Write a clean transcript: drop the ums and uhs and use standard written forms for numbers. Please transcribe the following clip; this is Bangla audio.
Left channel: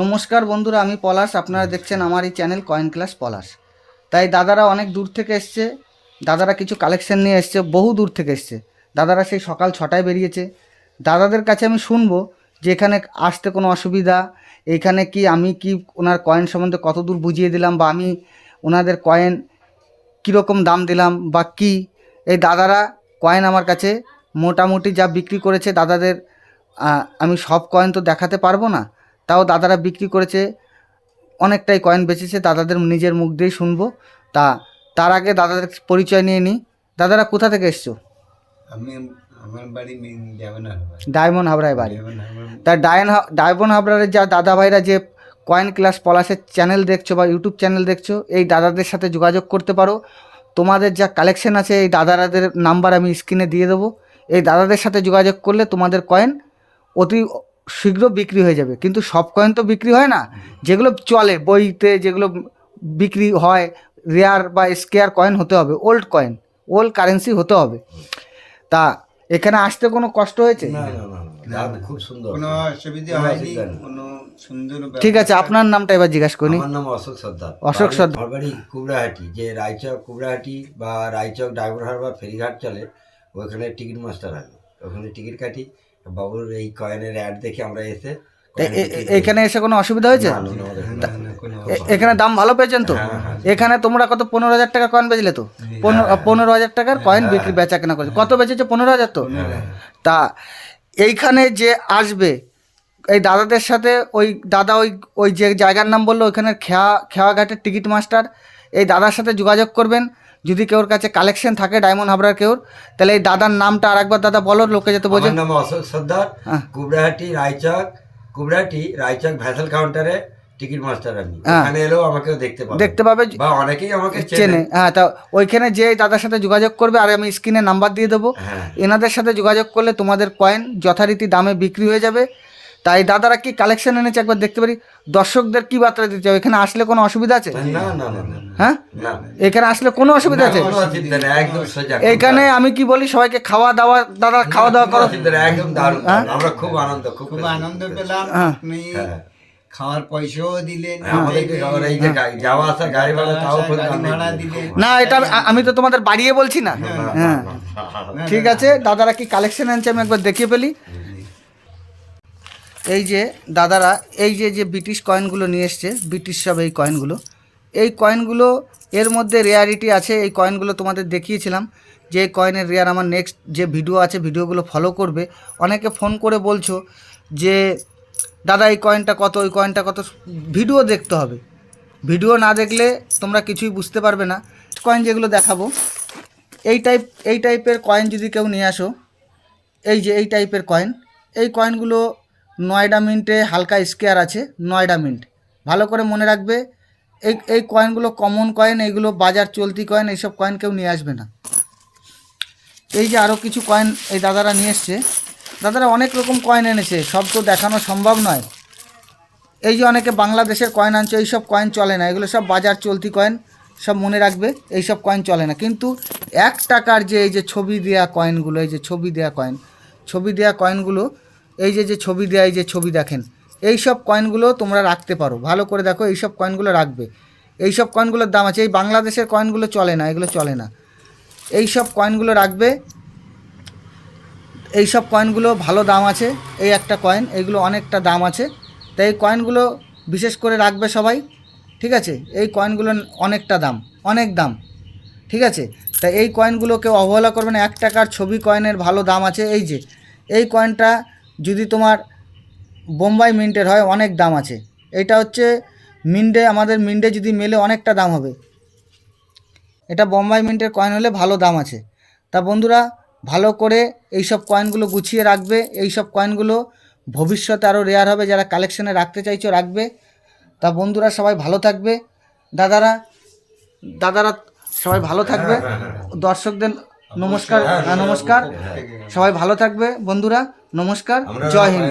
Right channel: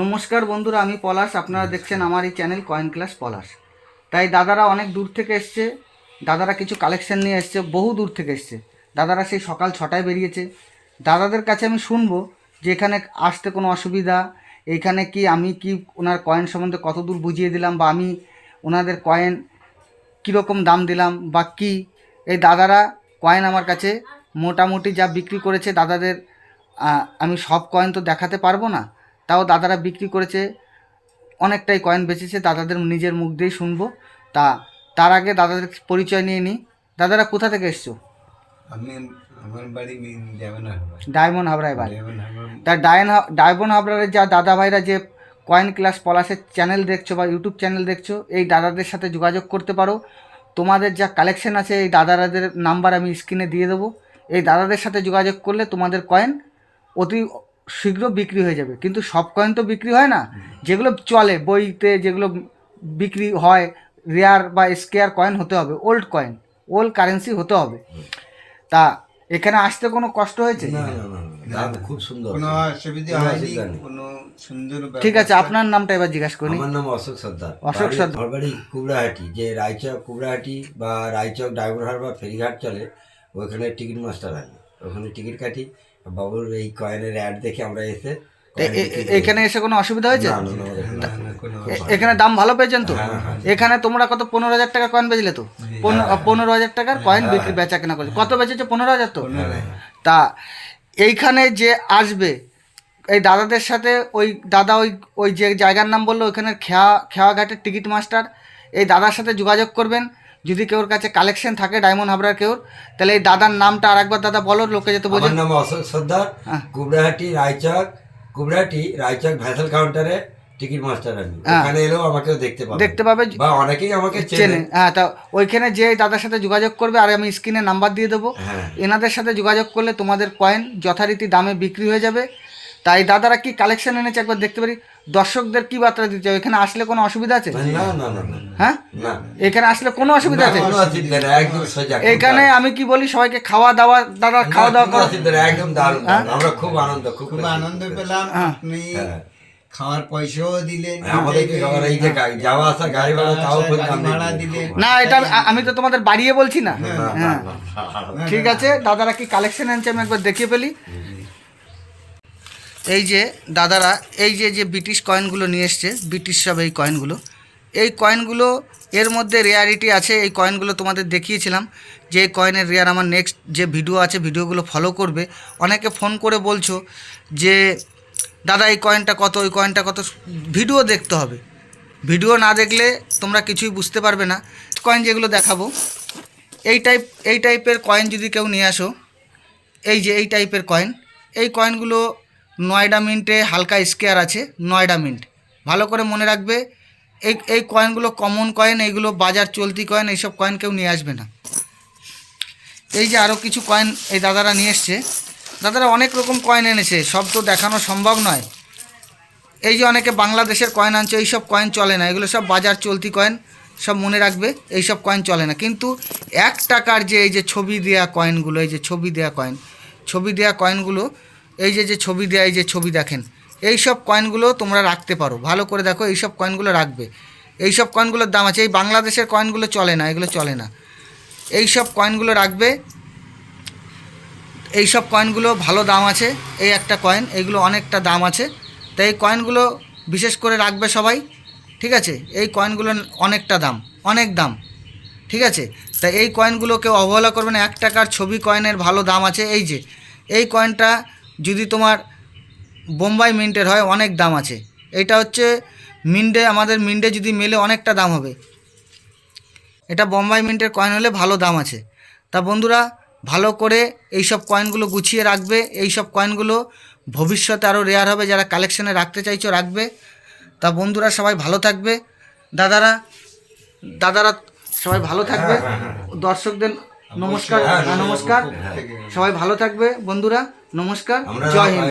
নমস্কার বন্ধুরা, আমি পলাশ। আপনারা দেখছেন আমার এই চ্যানেল কয়েন ক্লাস পলাশ। তাই দাদারা অনেক দূর থেকে এসছে, দাদারা কিছু কালেকশন নিয়ে এসছে, বহু দূর থেকে এসছে। দাদারা সেই সকাল 6টায় বেরিয়েছে। দাদাদের কাছে আমি শুনবো যে এখানে আসতে কোনো অসুবিধা, এখানে কি আমি কি ওনার কয়েন সম্বন্ধে কত দূর বুঝিয়ে দিলাম, বা আমি ওনাদের কয়েন কীরকম দাম দিলাম বা কি। এই দাদারা কয়েন আমার কাছে মোটামুটি যা বিক্রি করেছে দাদাদের, আমি সব কয়েন তো দেখাতে পারবো না, তাও দাদারা বিক্রি করেছে, অনেকটাই কয়েন বেচেছে। দাদাদের নিজের মুখ দিয়েই শুনবো। তা তার আগে দাদাদের পরিচয় নিয়ে নিই। দাদারা কোথা থেকে এসছো? আমি আমার বাড়ি ডায়মন্ড হাবড়ায় বাড়ি। ডায়মন্ড হারবার। তা ডায়মন্ড হাবড়ারের যা দাদা ভাইরা যে কয়েন ক্লাস পলাশের চ্যানেল দেখছো বা ইউটিউব চ্যানেল দেখছো, এই দাদাদের সাথে যোগাযোগ করতে পারো। তোমাদের যা কালেকশন আছে এই দাদাদের নাম্বার আমি স্ক্রিনে দিয়ে দেবো। এই দাদাদের সাথে যোগাযোগ করলে তোমাদের কয়েন অতি শীঘ্র বিক্রি হয়ে যাবে। কিন্তু সব কয়েন তো বিক্রি হয় না, যেগুলো চলে বইতে, যেগুলো বিক্রি হয়, রেয়ার বা স্কেয়ার কয়েন হতে হবে, ওল্ড কয়েন, ওল্ড কারেন্সি হতে হবে। তা এখানে আসতে কোনো কষ্ট হয়েছে? না না না না, খুব সুন্দর, কোনো অসুবিধা কোনো হয়নি, অসুবিধা নেই। কোনো সুন্দর ঠিক আছে, আপনার নামটা এবার জিজ্ঞাসা করি। আমার নাম অশোক সর্দার। অশোক সর্দার। আমার বাড়ি কুবড়াহাটি, যে রায়চক কুবড়াহাটি বা রায়চক ডায়মন্ড হারবার ফেরিঘাট চলে, ওইখানে টিকিট মাস্টার আমি, ওখানে টিকিট কাটি। বাবুর এই কয়েনের অ্যাড দেখে আমরা এসে এখানে এসে কোনো অসুবিধা হয়েছে? না, না, না, আমাদের কোনো না, কোনো এখানে দাম ভালো পেয়েছেন তো? হ্যাঁ, হ্যাঁ। এখানে তোমরা কত 15,000 টাকা কয়েন বেচলে তো? 15,000 টাকার কয়েন বিক্রি বেচা কেনা করেছে। কত বেচেছে? 15,000 তো? তা এইখানে যে আসবে এই দাদাদের সাথে, ওই দাদা ওই ওই যে জায়গার নাম বললো, ওইখানে খেয়াঘাটের টিকিট মাস্টার, এই দাদার সাথে যোগাযোগ করবেন। যদি কেউর কাছে কালেকশন থাকে ডায়মন্ড হাবড়ার কেউর, তাহলে এই দাদার নামটা আর একবার দাদা বলো, লোকে যেতে বোঝে। আমার নাম অশোক সর্দার, কুবড়াহাটি রায়চক, কুবড়াহাটি রায়চক ভ্যাসেল কাউন্টারে টিকিট মাস্টার আমি। এখানে এলেও আমাকেও দেখতে পাবে বা অনেকেই আমাকে চেনে। হ্যাঁ, তা ওইখানে যে দাদার সাথে যোগাযোগ করবে, আর আমি স্ক্রিনে নাম্বার দিয়ে দেবো। এনাদের সাথে যোগাযোগ করলে তোমাদের কয়েন যথারীতি দামে বিক্রি হয়ে যাবে। তাই দাদারা কি কালেকশন এনেছে একবার দেখতে পারি। দর্শকদের কি বার্তা দিতে হবে? এখানে আসলে কোনো অসুবিধা আছে? না না না না, হ্যাঁ, এখানে আসলে কোনো অসুবিধা আছে? কোনো অসুবিধা নেই, একদম সোজা। এখানে আমি কি বলি, সবাইকে খাওয়া দাওয়া, দাদা খাওয়া দাওয়া কোনো অসুবিধা নেই, একদম দারুণ দারুণ। আমরা খুব খুব আনন্দ পেলাম। আপনি খাওয়ার পয়সাও দিলেন, আমাদেরকে এই যে যাওয়া আসা গাড়ি ভাড়া তাও ভাড়া দিলেন। না, এটা আমি তো তোমাদের বাড়িয়ে বলছি না। হ্যাঁ, ঠিক আছে। দাদারা কি কালেকশন আনছে আমি একবার দেখিয়ে ফেলি। এই যে দাদারা এই যে ব্রিটিশ কয়েনগুলো নিয়ে এসছে, ব্রিটিশ সব এই কয়েনগুলো এর মধ্যে রেয়ারিটি আছে। এই কয়েনগুলো তোমাদের দেখিয়েছিলাম যে এই কয়েনের রেয়ার। আমার নেক্সট যে ভিডিও আছে, ভিডিওগুলো ফলো করবে। অনেকে ফোন করে বলছো যে দাদা এই কয়েনটা কত, ওই কয়েনটা কত। ভিডিও দেখতে হবে, ভিডিও না দেখলে তোমরা কিছুই বুঝতে পারবে না। কয়েন যেগুলো দেখাবো, এই টাইপের কয়েন যদি কেউ নিয়ে আসো, এই টাইপের কয়েন, এই কয়েনগুলো নয়ডা মিন্টে হালকা স্কেয়ার আছে, নয়ডা মিন্ট। ভালো করে মনে রাখবে, এই কয়েনগুলো কমন কয়েন, এইগুলো বাজার চলতি কয়েন, এইসব কয়েন কেউ নিয়ে আসবে না। এই যে আরও কিছু কয়েন এই দাদারা নিয়ে এসছে। দাদারা অনেক রকম কয়েন এনেছে, সব তো দেখানো সম্ভব নয়। এই যে অনেকে বাংলাদেশের কয়েন আনছে, এইসব কয়েন চলে না, এগুলো সব বাজার চলতি কয়েন, সব মনে রাখবে, এইসব কয়েন চলে না। কিন্তু 1 টাকার যে এই যে ছবি দেওয়া কয়েনগুলো, এই যে ছবি দেওয়া কয়েনগুলো, এই যে ছবি দেওয়া, এই যে ছবি দেখেন, এই সব কয়েনগুলো তোমরা রাখতে পারো। ভালো করে দেখো, এই সব কয়েনগুলো রাখবে। এই সব কয়েনগুলোর দাম আছে। এই বাংলাদেশের কয়েনগুলো চলে না, এগুলো চলে না। এই সব কয়েনগুলো রাখবে, এই সব কয়েনগুলো ভালো দাম আছে। এই একটা কয়েন, এইগুলো অনেকটা দাম আছে। তাই এই কয়েনগুলো বিশেষ করে রাখবে সবাই, ঠিক আছে? এই কয়েনগুলো অনেকটা দাম, অনেক দাম, ঠিক আছে? তাই এই কয়েনগুলো কেউ অবহেলা করবে না। 1 টাকার ছবি কয়েনের ভালো দাম আছে। এই কয়েনটা যদি তোমার বোম্বাই মিন্টের হয়, অনেক দাম আছে। এইটা হচ্ছে মিন্টে, আমাদের মিন্টে যদি মেলে অনেকটা দাম হবে। এটা বোম্বাই মিন্টের কয়েন হলে ভালো দাম আছে। তা বন্ধুরা, ভালো করে এই সব কয়েনগুলো গুছিয়ে রাখবে। এই সব কয়েনগুলো ভবিষ্যতে আরও রেয়ার হবে, যারা কালেকশানে রাখতে চাইছো রাখবে। তা বন্ধুরা সবাই ভালো থাকবে, দাদারা সবাই ভালো থাকবে। দর্শকদের নমস্কার, নমস্কার। সবাই ভালো থাকবে বন্ধুরা, নমস্কার, জয় হিন্দ।